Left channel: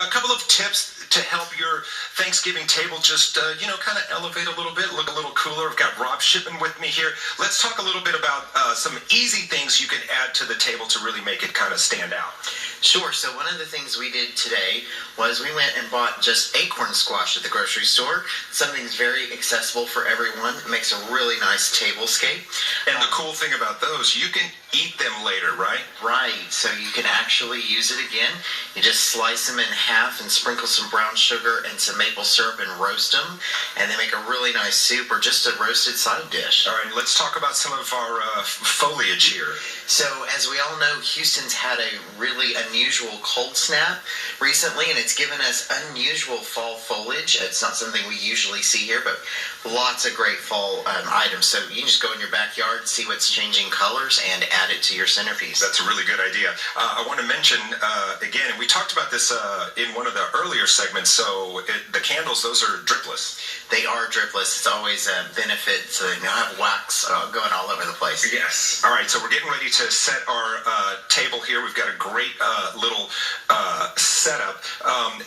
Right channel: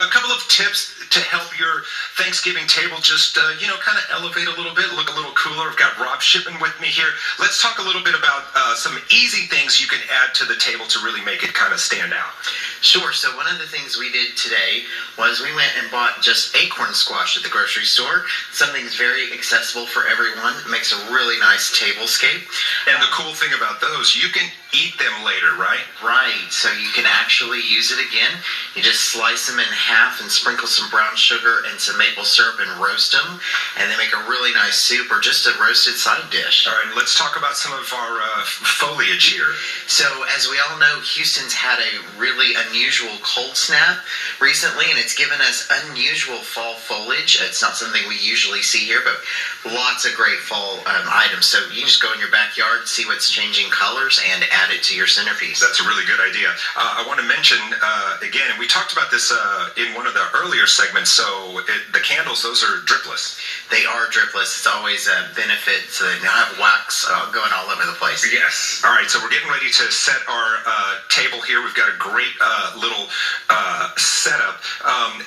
A couple of tips to help your Thanksgiving table just, kind of elevate a little bit, look a little cooler. I've got Rob Shippen with me here. Let's talk a little bit about some easy things you can add to the table to really make it kind of stand out. Sure. So one of the things we did today was we went and bought just acorn squash at the grocery store. Something that's very accessible for everyone. It makes a really nice tablescape. And the cool thing about those, you can eat them later, right? Right. So you can actually use it again. You just slice them in half and sprinkle some brown sugar and some maple syrup and roast them. And they make a really nice soup or just a roasted side dish. All right, let's talk about some of our foliage here. So as we all know, Houston's had a really unusual cold snap recently, and it's given us unusual fall foliage. It's not something we usually see here, but lots of great fall items. So you can just go in your backyard, see what's changing colors, and add it to your centerpiece. That's a really good idea. I want to mention, again, and we talked about this in one of the earlier segments, so the candles, those are dripless. They are dripless. It's always a benefit to have wax going all over the place. Yes. All right, so we're getting ready to set our table here. We've got a great little setup.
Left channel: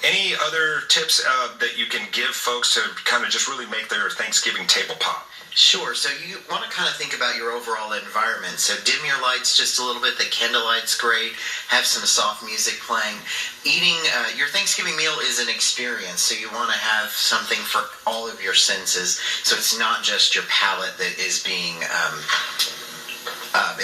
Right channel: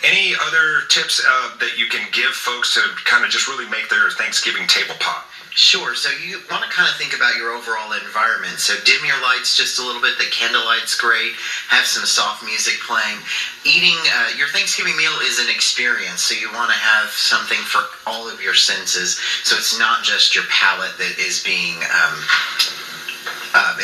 Any other tips that you can give folks to kind of just really make their Thanksgiving table pop? Sure. So you want to kind of think about your overall environment. So dim your lights just a little bit. The candlelight's great. Have some soft music playing. Eating your Thanksgiving meal is an experience, so you want to have something for all of your senses. So it's not just your palate that is being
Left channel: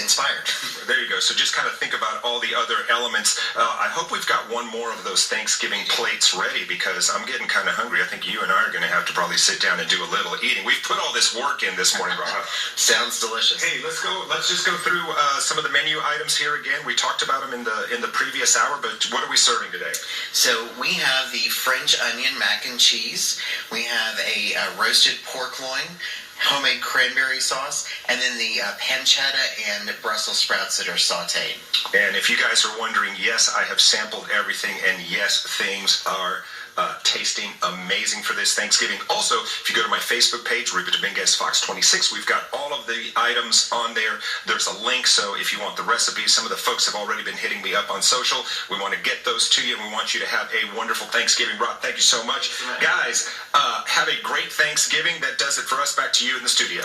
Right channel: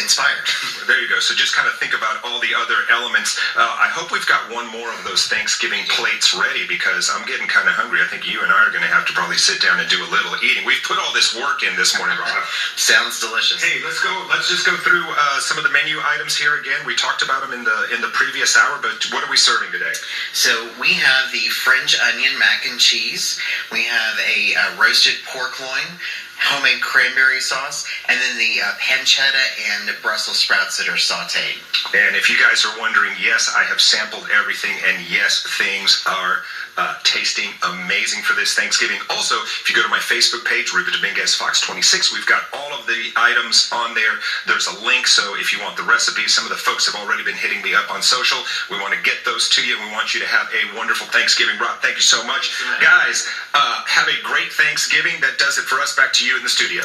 inspired. There you go. So just kind of think about all the other elements. I hope we've got one more of those Thanksgiving plates ready because I'm getting kind of hungry. I think you and I are going to have to probably sit down and do a little eating. We've put all this work in this morning, Rob. Sounds delicious. Hey, let's go. Let's just go through some of the menu items here again. We talked about them in the previous hour, but what are we serving today? So we have the French onion mac and cheese. We have a roasted pork loin, homemade cranberry sauce, and then the pancetta and Brussels sprouts that are sauteed. And if you guys are wondering, yes, I have sampled everything, and yes, things are tasting amazing for this Thanksgiving. Also, if you go to my Facebook page, Ruben Dominguez Fox 26, we've got all of the items on there. There's a link, so if you want the recipes, some of the folks have already been hitting me up on social. We want to get those to you, and we want you to have a wonderful Thanksgiving. Rob, thank you so much. Guys, have a great Thanksgiving. That does it for us. Back to you in the studio.